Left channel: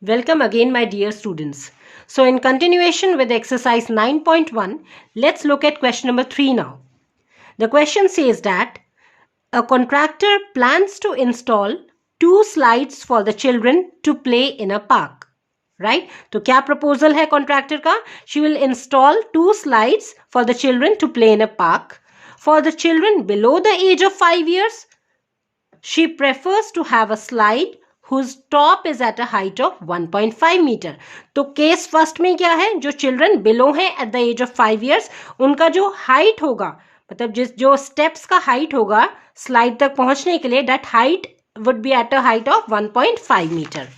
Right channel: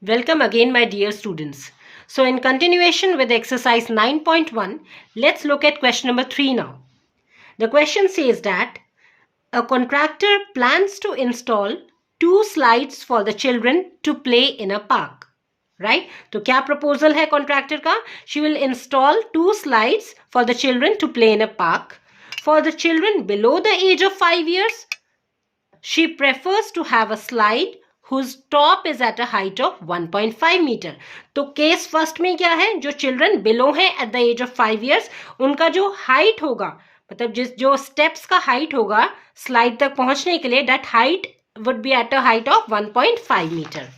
Welcome again, my dear students. So in continuation with exercise 9.1, let's look at question number 3 now. The question says that a contractor plans to install 2 slides for the children to play in a park. Right? तो क्या proposal है contractor का? She will install 2 slides for the children to play in a park. For the children below the age of 5 years, she prefers to have a slide whose top is at a height of 1.5 metre. तो case first में क्या है, जो children below है at the age of 5 years, उनका जो height होगा, मतलब जो स्टेप्स का हाइट होगा स्लाइड तक पहुंचने के लिए, that height would be at a height of 1.5 metre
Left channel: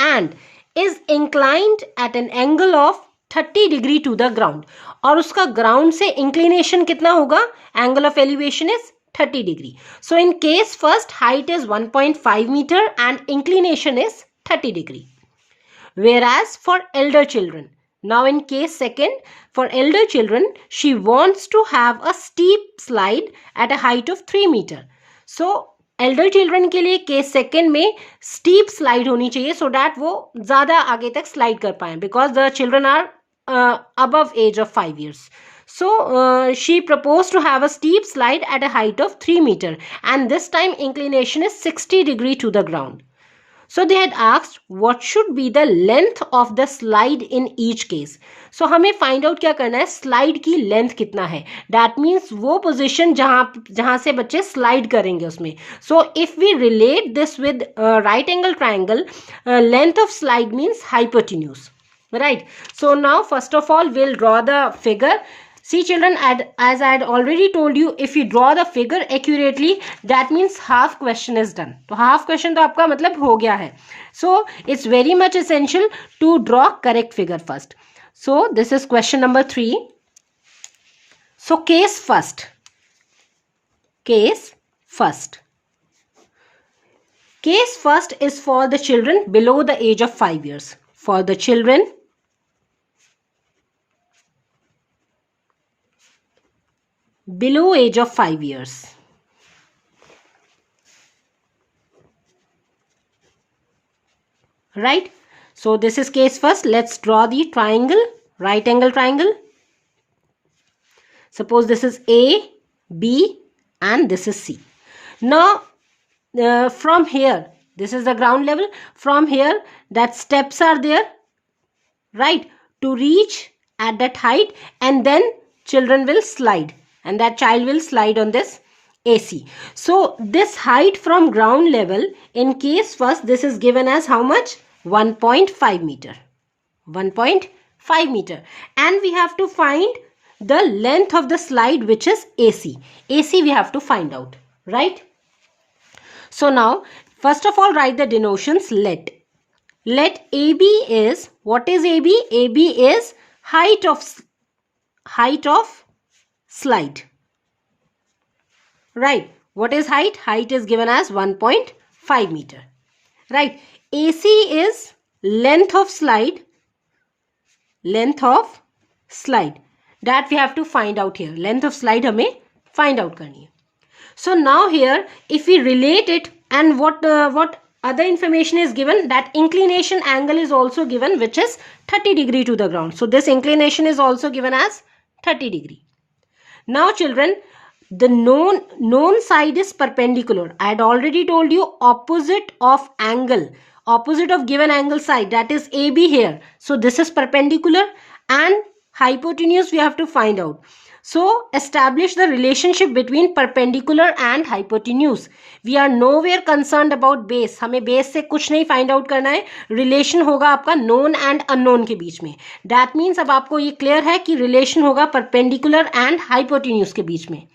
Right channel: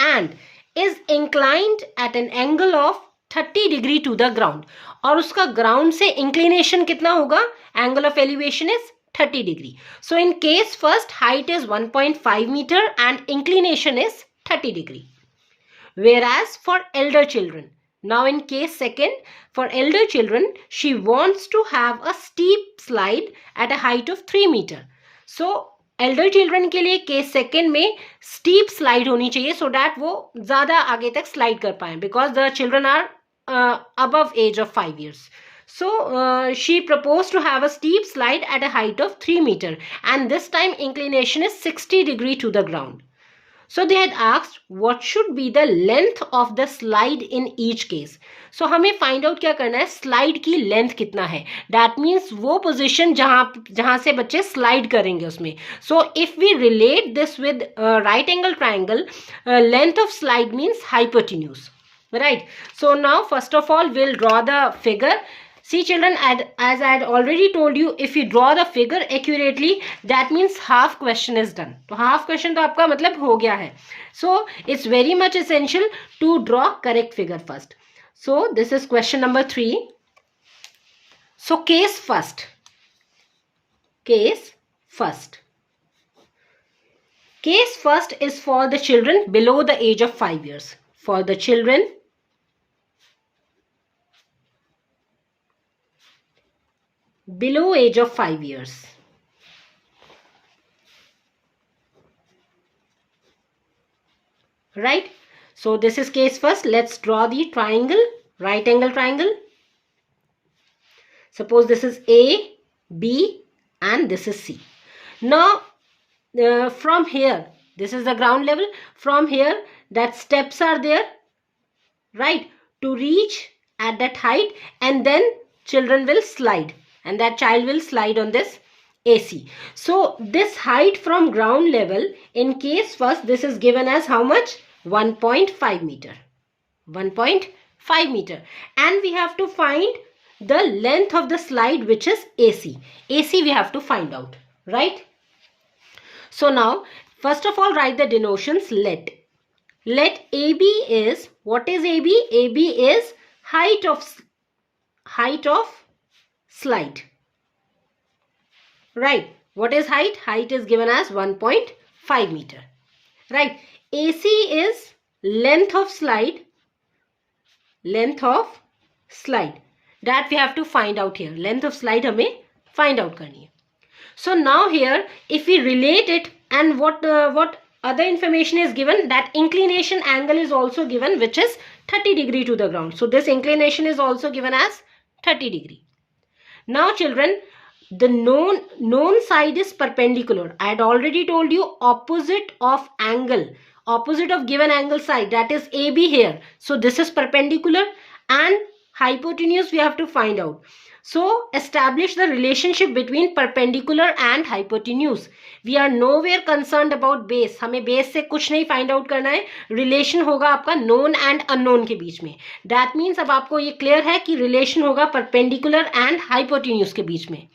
and is inclined at an angle of 30 degree to the ground. और उसका ग्राउंड से इंक्लिनेशन कितना होगा? Angle of elevation is 30 degree. So in case first, height is 1.5 meter and inclination is 30 degree. Whereas for elder children, now in case second, for elder children, she wants to have a steep slide at a height of 3 meter. So elder children के लिए case second में steep slide होनी चाहिए so that वो ज़्यादा आगे तक slide कर पाएं, because the children are above age of 5 years. So she proposed to have a steep slide at a height of 3 meter and this time inclination is 60 degree to the ground. So they had asked what should be the length of the slide in each case. So हमें find out क्या करना है, slide की length कितना है. That means वो position जहाँ से बच्चे slide करेंगे उसमें. So if we relate this with right angle triangle, length of slide means hypotenuse. Right. So now first of all we'll draw the figure. See children, as I had already told you, if you draw the figure accurately, that means half question is done. तो half question तो आपका मतलब हो गया है. So it's very much essential to draw correct figure first. So this is question number 3. So case first. Case first. Case first is for the children below the age of 5 years. For the children below age of 5 years. Right? So this is case first. Let's draw the triangle, right angle triangle. Suppose this is A, B and this is C. Now from here, this is the ground level. From here, that steps are there, right, to reach at that height, and then children will slide. And that child will slide on this AC. So this height from ground level, in case first, this is given as how much? 1.5 meter. 1.5 meter. And we have to find the length of the slide, which is AC. AC we have to find out, right? So now, first of all, write the denotions. Let AB is, what is AB? AB is height of slide. Right. What is height? Height is given as 1.5 meter. Right. AC is length of slide. Length of slide. That we have to find out here. Length of slide हमें find out करनी है. So now here, if we relate it, and what other information is given, that inclination angle is also given, which is 30 degree to the ground. So this inclination is also given as 30 degree. Now children, the known side is perpendicular. I had already told you opposite of angle, opposite of given angle side, that is AB here. So this is perpendicular and hypotenuse we have to find out. So establish the relationship between perpendicular and hypotenuse. We are nowhere concerned about base. हमें base से कुछ नहीं find out करना है. Relation होगा आपका known and unknown के बीच में. That means अब आपको ये clear है कि relation होगा perpendicular and hypotenuse के बीच में.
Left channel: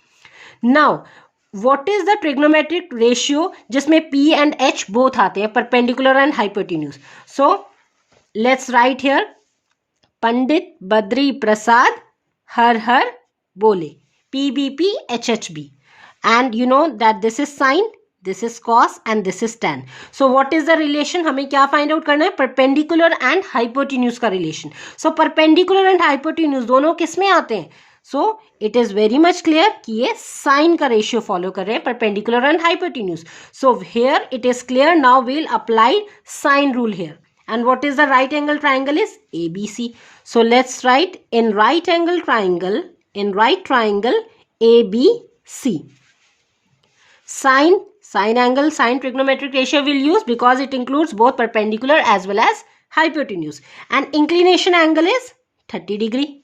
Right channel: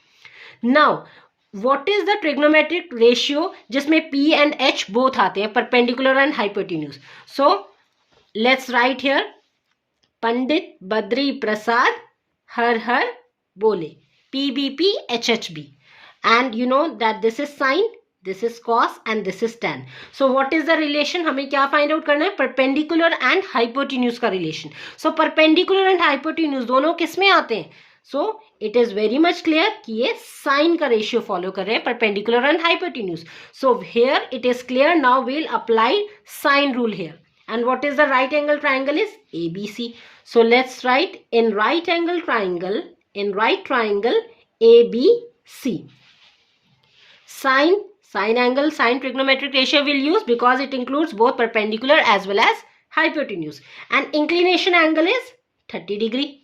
Now, what is the trigonometric ratio जिसमें P and H both आते हैं, perpendicular and hypotenuse? So let's write here. Pandit Badri Prasad हर हर बोले. PBP HHB. And you know that this is sine, this is cos and this is tan. So what is the relation? हमें क्या find out करना है? Perpendicular and hypotenuse का relation. So perpendicular and hypotenuse दोनों किस में आते हैं? So it is very much clear कि ये sine का ratio follow कर रहे हैं, perpendicular and hypotenuse. So here it is clear. Now we'll apply sine rule here. And what is the right angle triangle is? ABC. So let's write in right angle triangle, ABC. Sine angle, sine trigonometric ratio we'll use because it includes both perpendicular as well as hypotenuse. And inclination angle is 30 degree.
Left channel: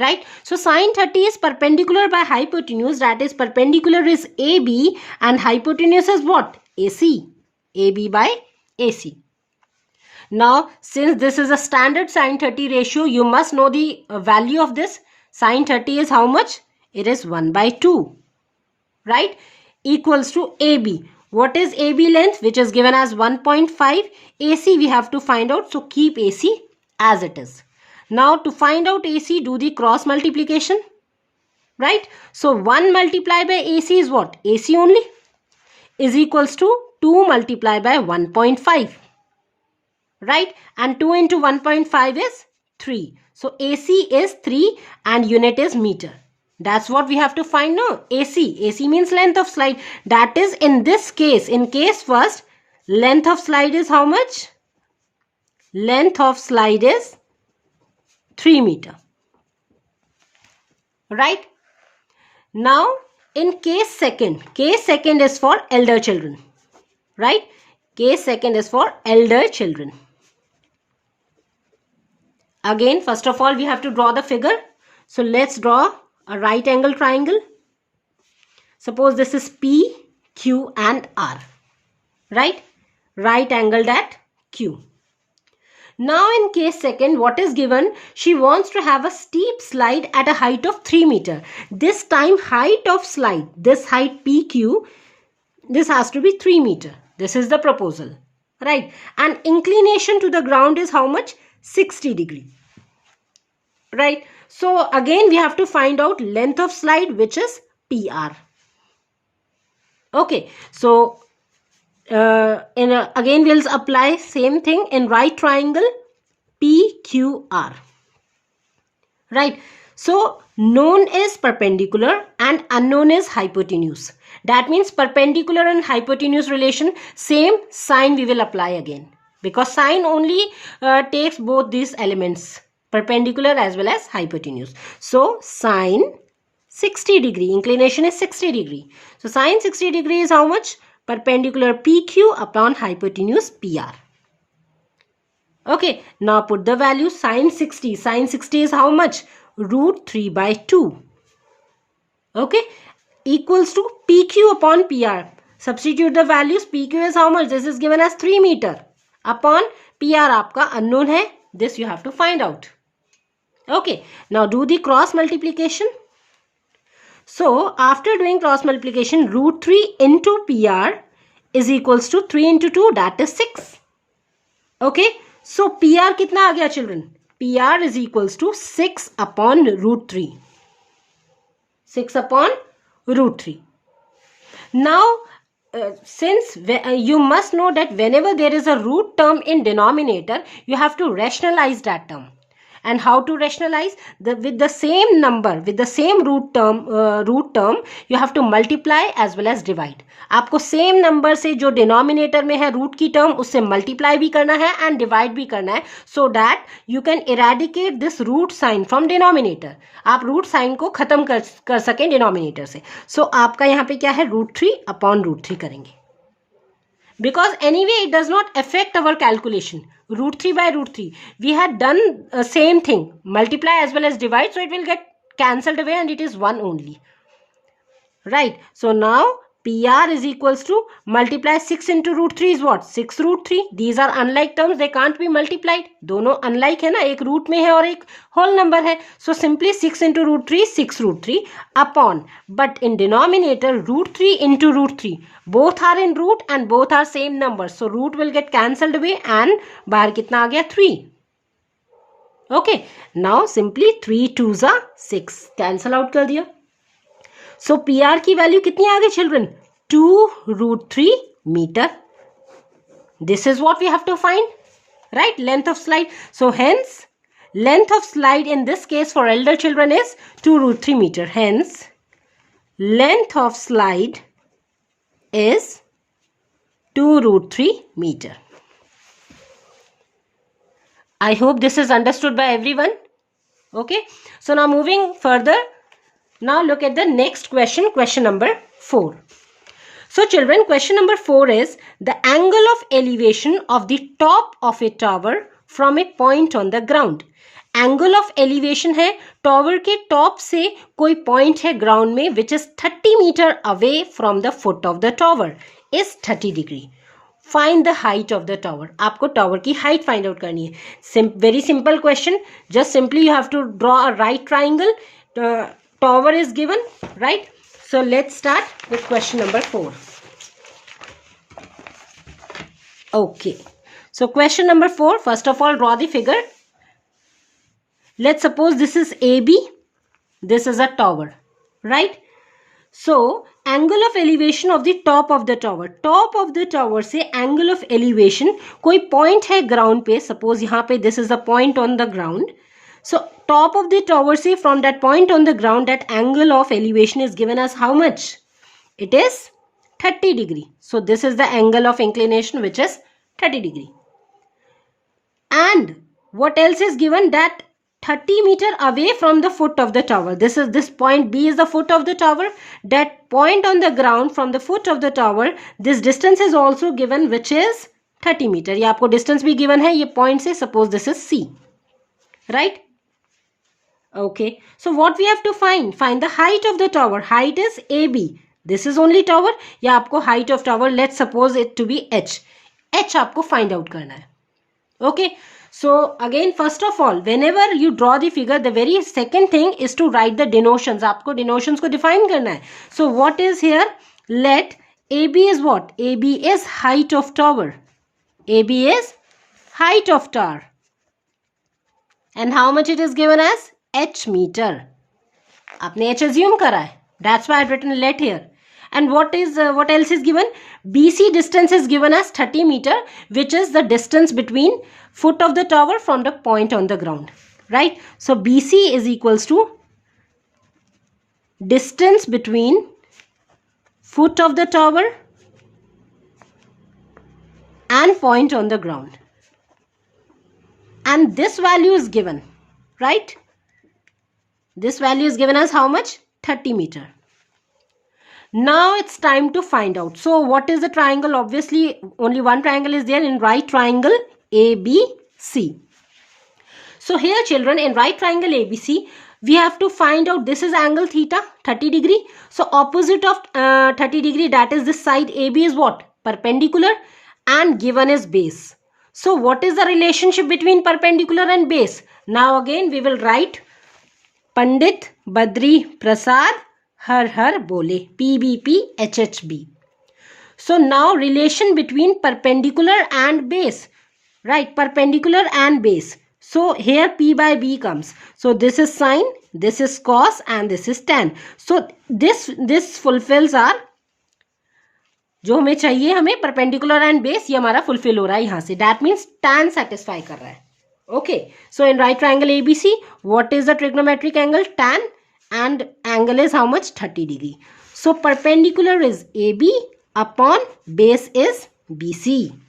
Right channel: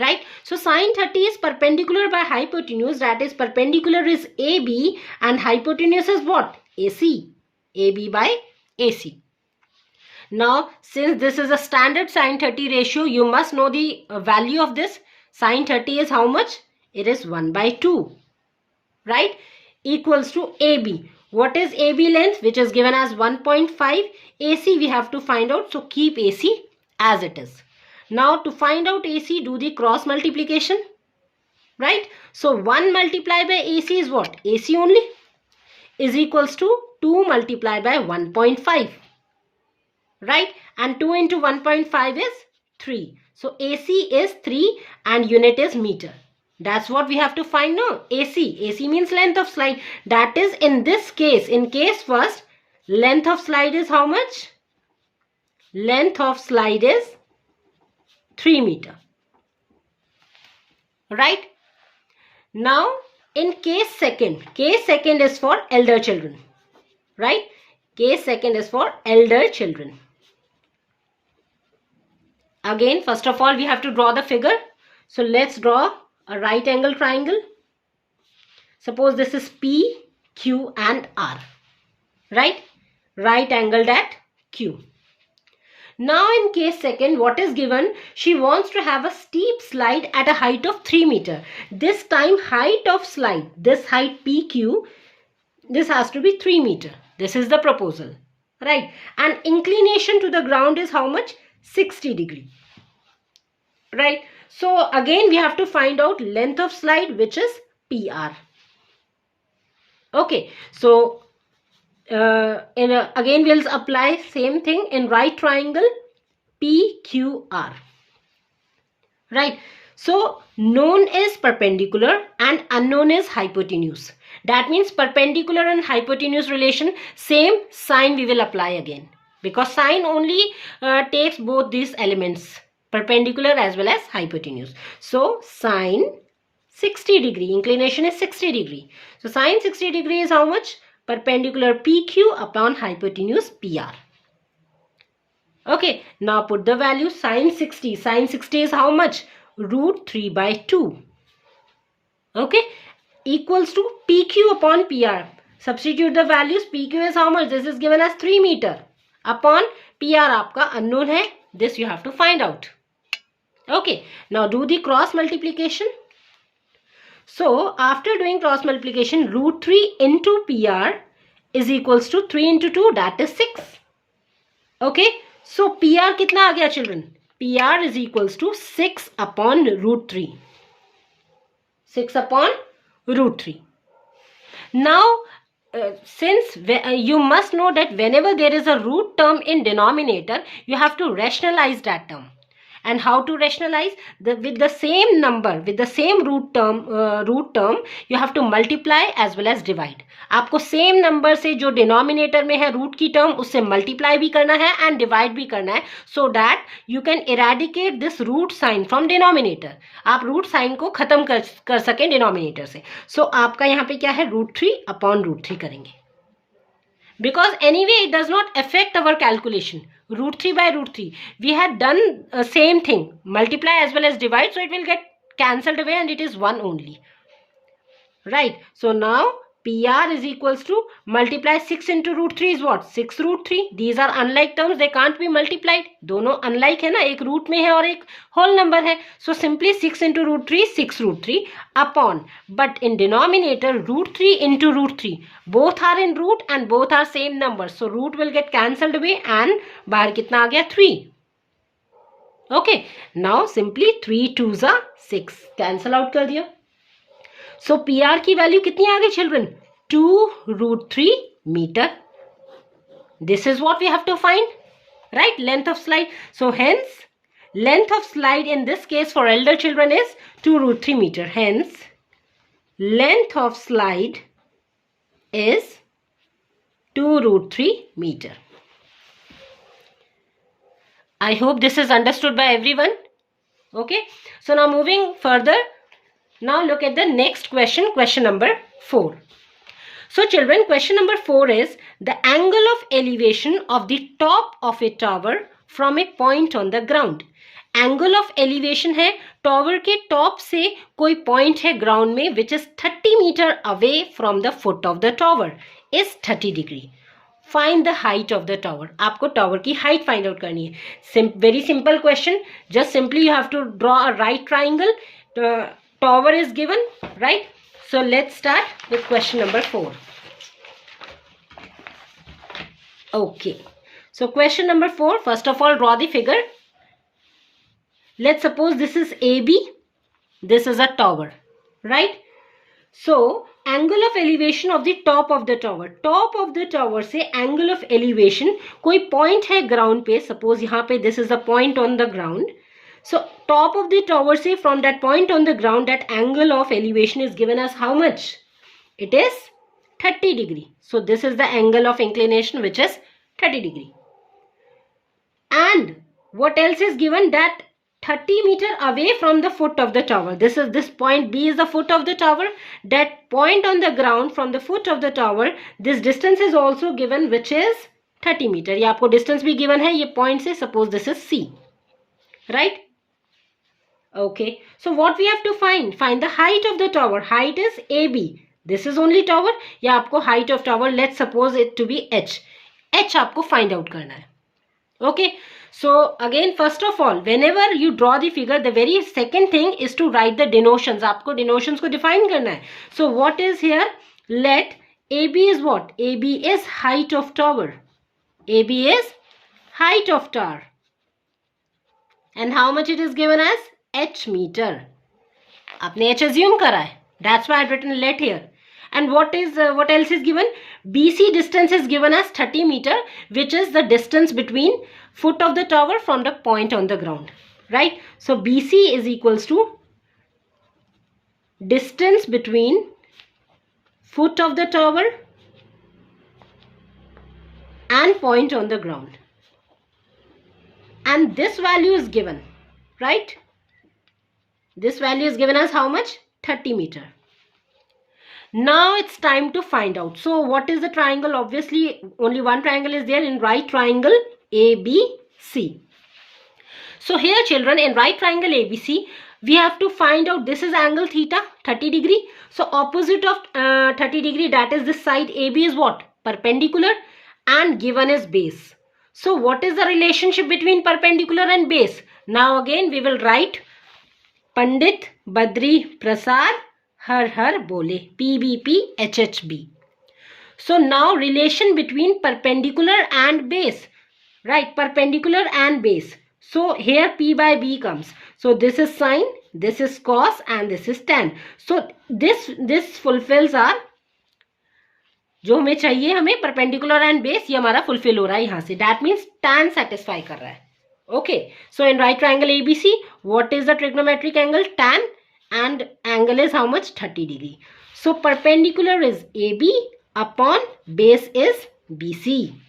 Right? So sine 30 is perpendicular by hypotenuse, that is perpendicular is AB and hypotenuse is what? AC. AB by AC. Now since this is a standard sine 30 ratio, you must know the value of this. Sine 30 is how much? It is 1 by 2. Right? Equals to AB. What is AB length? Which is given as 1.5. AC we have to find out. So keep AC as it is. Now to find out AC, do the cross multiplication. Right? So 1 multiplied by AC is what? AC only. Is equals to 2 multiplied by 1.5. Right? And 2 into 1.5 is 3. So AC is 3 and unit is meter. That's what we have to find now. AC. AC means length of slide. That is in this case. In case first, length of slide is how much? Length of slide is 3 meter. Right? Now, in case second is for elder children. Right? Case second is for elder children. Again, first of all, we have to draw the figure. So, let's draw a right angle triangle. Suppose this is P, Q and R. Right? Right angled at Q. Now in case second, what is given? She wants to have a steep slide at a height of 3 meter. This time height of slide, this height PQ, this has to be 3 meter. This is the proposal. Right? And inclination to the ground is how much? 60 degree. Right? So again we have to find out length of slide, which is PR. Okay. So again we'll apply same thing in right triangle PQR. Right? So known is perpendicular and unknown is hypotenuse. That means perpendicular and hypotenuse relation, same sign we will apply again, because sine only takes both these elements, perpendicular as well as hypotenuse. So sine 60 degree, inclination is 60 degree. So sine 60 degree is how much? Perpendicular PQ upon hypotenuse PR. Okay, now put the value sine 60. Sine 60 is how much? Root 3 by 2. Okay, equals to PQ upon PR. Substitute the values. PQ is how much? This is given as 3 meter. Upon PR आपका unknown है. This you have to find out. Okay, now do the cross multiplication. So, after doing cross multiplication, root 3 into PR is equals to 3 into 2, that is 6. Okay, so PR कितना आ गया children? PR is equals to 6 upon root 3. 6 upon root 3. Now, since you must know that whenever there is a root term in denominator, you have to rationalize that term. And how to rationalize? With the same number, with the same root term, you have to multiply as well as divide. आपको same number से जो denominator में है root की term, उससे multiply भी करना है and divide भी करना है, so that you can eradicate this root sign from denominator. आप root sign को खत्म कर सकें denominator से. So आपका यहाँ पे क्या है? root 3 upon root 3 करेंगे. Because anyway it does not affect our calculation. Root 3 by root 3. We had done same thing. Multiply as well as divide. So it will get cancelled away and it is 1 only. Right. So now PR is equals to multiply 6 into root 3 is what? 6 root 3. These are unlike terms. They can't be multiplied. दोनों unlike है ना. एक root में है और एक whole number है. So simply 6 into root 3, 6 root 3 upon. But in denominator root 3 into root 3. Both are in root and both are same numbers. So root will get cancelled away and बाहर कितना आ गया? 3. Okay. Now simply 3 2s are 6. Cancel out कर दिया. So PR की value कितनी आ गई children? 2 root 3 meter. This is what we have to find. Right? Length of slide. So hence length of slide in this case for elder children is 2 root 3 meter. Hence length of slide is 2 root 3 meter. I hope this is understood by everyone. Okay, so now moving further, now look at the next question, question number 4. So children, question number 4 is the angle of elevation of the top of a tower from a point on the ground. Angle of elevation है tower के top से कोई point है ground में which is 30 meter away from the foot of the tower is 30 degree. Find the height of the tower. आपको tower की height find out करनी है. Very simple question. Just simply you have to draw a right triangle. The tower is given, right? So let's start with question number 4. Okay. So question number 4. First of all, draw the figure. Let's suppose this is AB. This is a tower, right? So angle of elevation of the top of the tower. Top of the tower से angle of elevation कोई point है ground पे. Suppose यहाँ पे this is a point on the ground. So top of the tower say from that point on the ground, that angle of elevation is given as how much? It is 30 degree. So this is the angle of inclination which is 30 degree. And what else is given? That 30 meter away from the foot of the tower. This point B is the foot of the tower. That point on the ground from the foot of the tower, this distance is also given which is 30 meter. ये आपको distance भी given है ये point से. Suppose this is C, right? Okay, so what we have to find the height of the tower. Height is AB. This is only tower. या आपको height of tower, let's suppose it to be H. H आपको find out करना है. Okay, so again first of all, whenever you draw the figure, the very second thing is to write the denotions. आपको denotions को define करना है. So what is here? Let AB is what? AB is height of tower. AB is height of tower. And how much it is given as? H meter. आपने H assume करा है. That's why I've written let here. And what else is given? BC distance is given as 30 meter, which is the distance between foot of the tower from the point on the ground, right? So BC is equals to distance between foot of the tower and point on the ground. And this value is given, right? This value is given as how much? 30 meter. Now it's time to find out. So what is the triangle? Obviously only one triangle is there in right triangle ABC. So here children, in right triangle ABC, we have to find out this is angle theta 30 degree. So opposite of 30 degree, that is this side AB is what? Perpendicular, and given is base. So what is the relationship between perpendicular and base? Now again we will write Pandit Badri Prasad Har Har Bole, PBP HHB. So now relation between perpendicular and base, right? Perpendicular and base. So here P by B comes. So this is sine, this is cos, and this is tan. So this fulfills our जो हमें चाहिए, हमें perpendicular and base, ये हमारा fulfill हो रहा है यहाँ से. That means tan satisfy कर रहा है. Okay, so in right triangle ABC, what is the trigonometric angle? Tan, and angle is how much? 30 degree. So perpendicular is AB upon base is BC.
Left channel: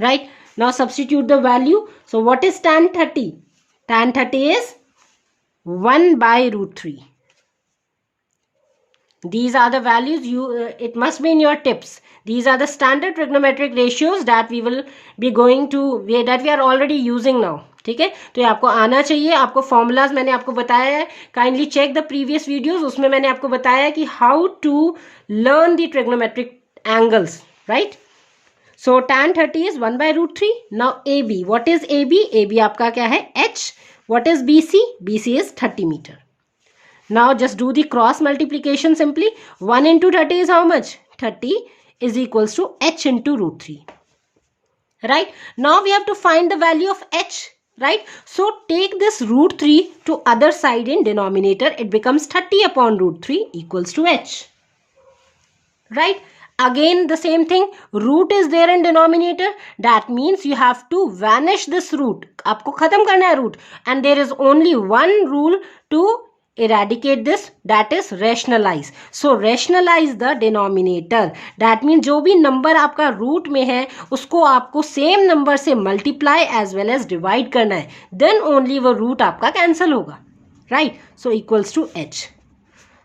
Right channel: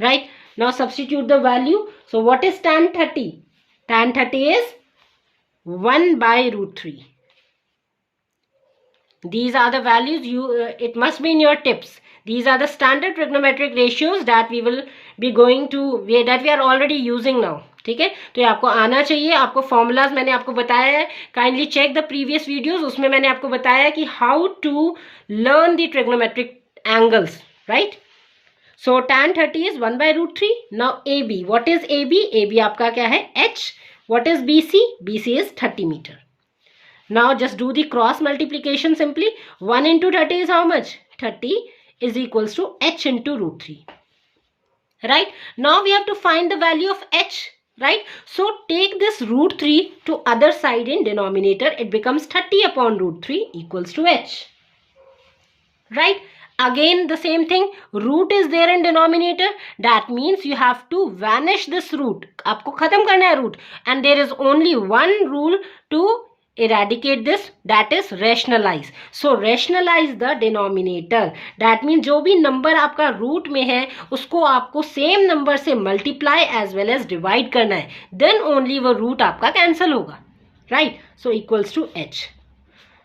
Right? Now substitute the value. So what is tan 30? Tan 30 is 1 by root 3. These are the values it must be in your tips. These are the standard trigonometric ratios that we will be going to, that we are already using now. ठीक है, तो ये आपको आना चाहिए. आपको formulas मैंने आपको बताया है. Kindly check the previous videos. उसमें मैंने आपको बताया कि how to learn the trigonometric angles, right? So tan 30 is 1 by root 3. Now AB, what is AB? AB आपका क्या है? H. What is BC? BC is 30 metre. Now just do the cross multiplication simply. 1 into 30 is how much? 30 is equals to H into root 3. Right? Now we have to find the value of H. Right? So take this root 3 to other side in denominator. It becomes 30 upon root 3 equals to H. Right? Again the same thing. Root is there in denominator. That means you have to vanish this root. आपको खत्म करना है root. And there is only one rule to eradicate this, that is rationalize. So rationalize the denominator. That means जो भी number आपका root में है उसको आपको same number से multiply as well as divide करना है, then only वो root आपका cancel होगा, right? So equals to h.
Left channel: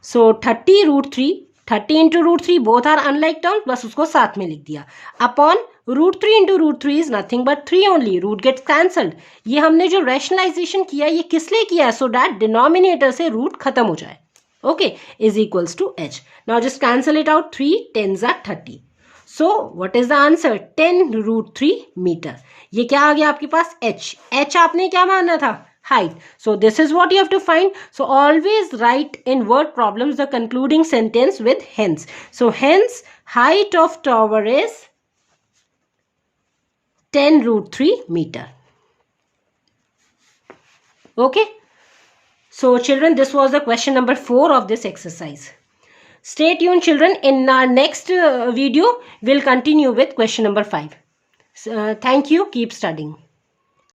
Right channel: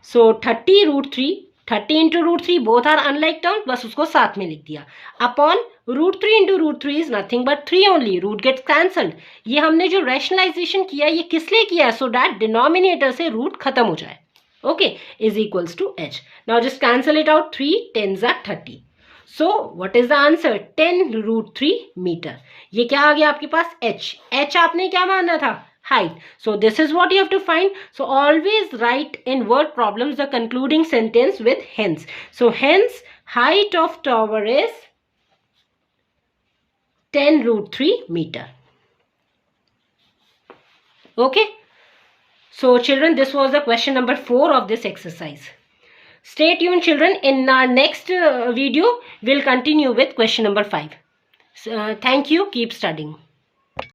So 30 root 3, 30 into root 3 both are unlike terms, बस उसको साथ में लिख दिया. Upon root 3 into root 3 is nothing but 3 only, root gets cancelled. ये हमने जो rationalization किया ये किस लिए किया? So that denominator से root खत्म हो जाए. Okay, is equals to h. Now just cancel it out. 3 10s are 30. So what is the answer? 10 root 3 meter. ये क्या आ गया आपके पास? h. h आपने क्या माना था? Height. So this is what you have to find. So always write in word problems the concluding sentence with hence. So hence height of tower is 10 root 3 meter. Okay. So children, this was the question number 4 of this exercise. Stay tuned children. In our next video, we'll continue with question number 5. Thank you. Keep studying.